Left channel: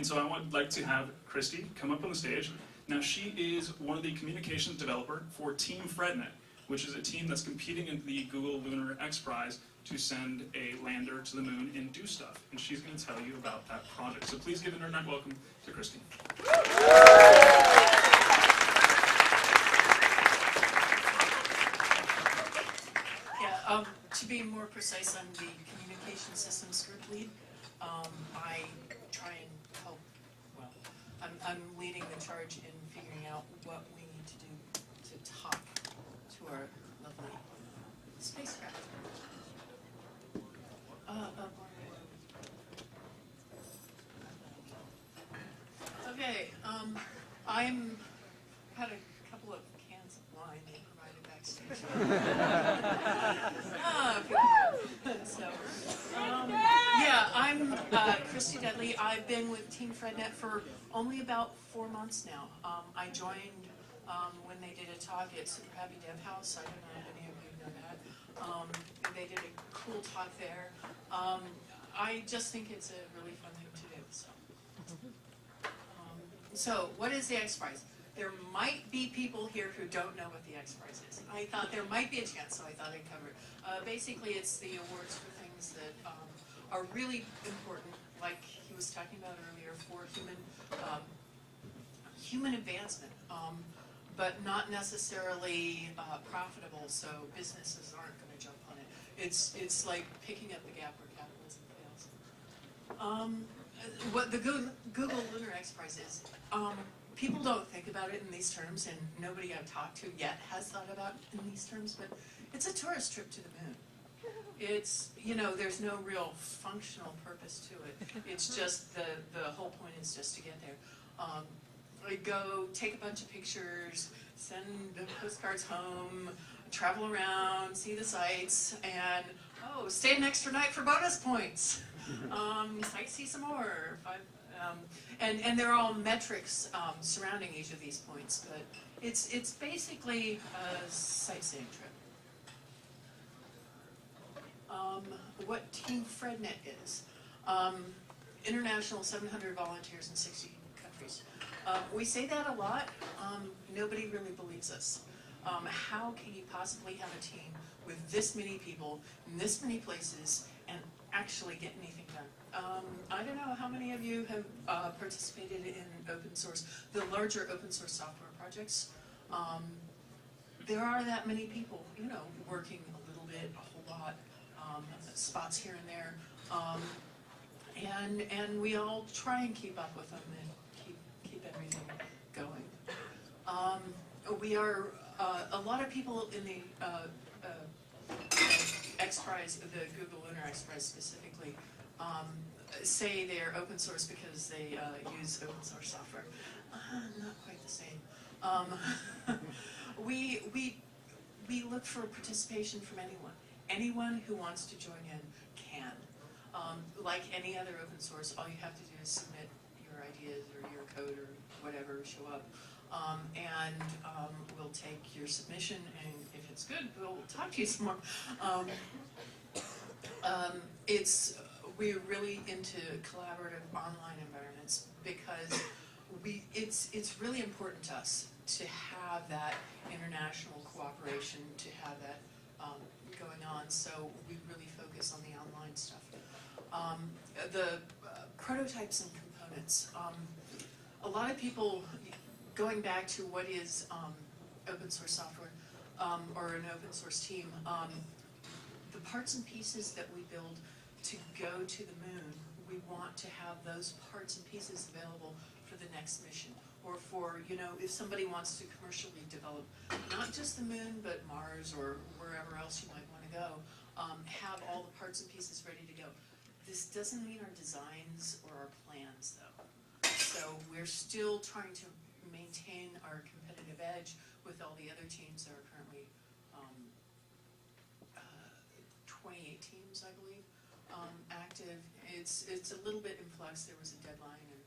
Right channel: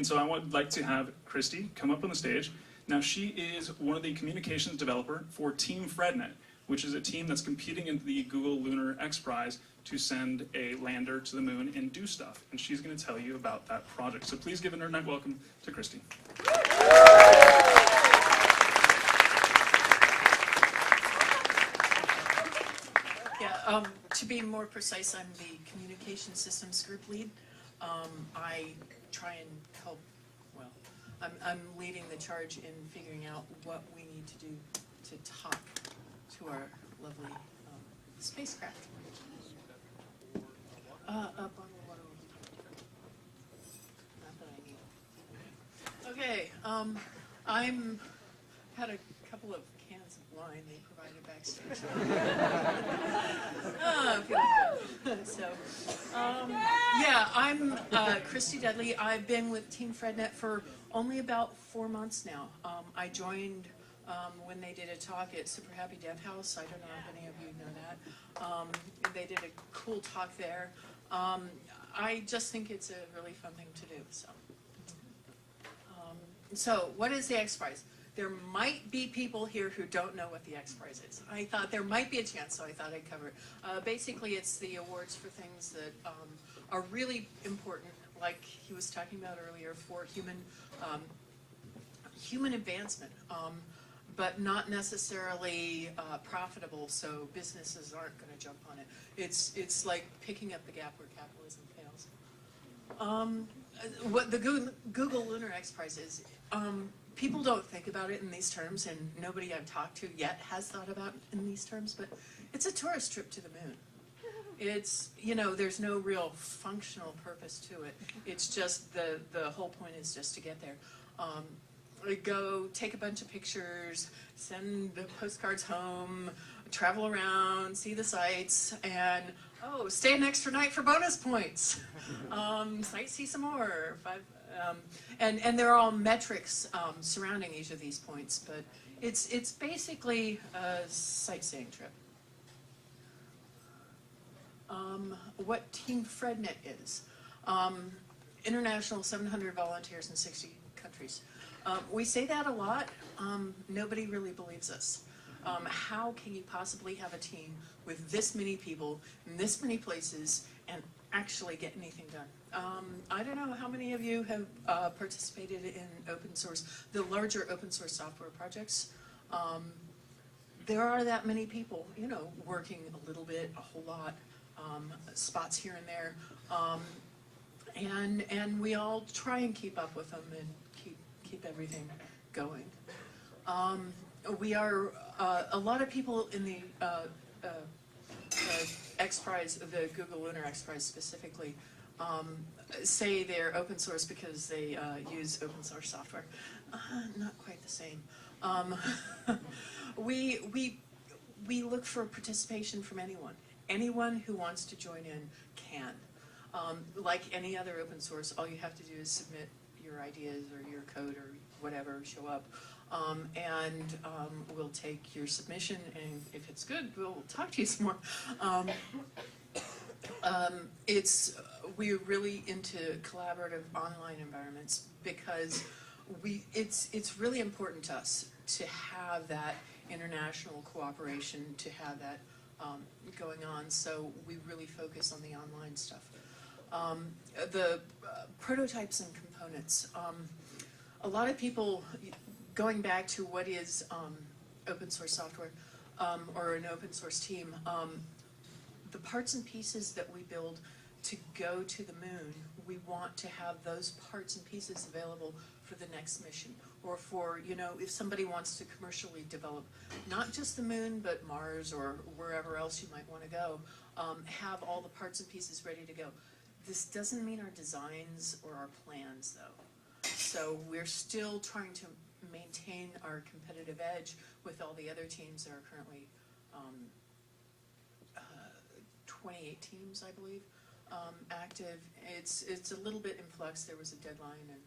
And so I would like to have Christie come up on the stage. Now she is one of the communications developer for Team FREDNET, which is a team that's competing in the Google Lunar X-Prize to send a lander to the moon and do stuff. And she's going to tell you about that project. So please give an internet welcome to Christie. Yeah, to be more precise, I'm the communication systems group lead. I try and help, well, I'm leading the charge in figuring out what we need to do to talk to our lovely spacecraft. Okay, I'm had a couple of cans of wine they provided backstage. Feeling good. So, yeah, I'm Christie Dudley. I've been with Team FREDNET for only about 4 months now. I joined when they did a talk at Super Happy Dev House. I don't know if any of you know that. They did a cool talk there. I just think it's a really fun thing to do. So what is the X-Prize? There might be people here who don't know what the X-Prize is. I thought there might be a chance, so I thought I'd cover it. Basically, it's the awards for things that are really important, like he was talking about earlier, for human advancement, but not necessarily profitable, so businesses aren't going to jump on it. It's like picking up the gap where capitalism fails. What the Google Lunar X-Prize is, people don't think about it in these terms, and nobody I've talked to yet has thought about it in these terms, but it's a tourist trip to the moon. It's, you know, there's no real functional purpose to it. It's just the whole point is just to get there. Go take a bunch of pictures, send the postcards home, travel around, see the sights, and stay an extra night for bonus points. Sightsee some more. And they're all metrics surrounding each of these points, but it's basically a sightseeing trip. What Team FREDNET is. International 700 volunteers in 60 countries. We say that a lot. Nobody really believes us. How can you possibly have a team with this many people in this many places and actually get anything done? I don't know how many of you have participated in open source, the larger open source software projects. There are that many people, you know, working a little bit, a whole lot, spots here and there, and we all try and keep up with them and keep everything going. We are a lot of people in the X-Prize, the Google Lunar X-Prize specifically, say they're open source because they use open source software. Not quite the same. We look for participation from anyone. Anyone who wants to join in can. Like any other open source, all you have to do is submit your ideas or your code or whatever, show up. And we'll take your submission, and if it's good, we'll talk to you some more. We're really into collaborative online environments because it's really important to us to have that international cooperation, to have that going on. So we really focus on the online stuff. The prototypes and components. A lot of people, going back to what is open source software or an open source team, the parts and pieces that we build to go to the moon, we want to have those parts and pieces available for the next mission, or for, you know, if somebody wants to commercially develop not just the moon but Mars or wherever else you might want to go, have all the parts and pieces ready to go. This doesn't mean our designs or our plans, though. So we're still trying to maintain our competitive edge with all the other teams that are currently 28 teams, I believe, active. It's a little bit in flux. There was a deadline, and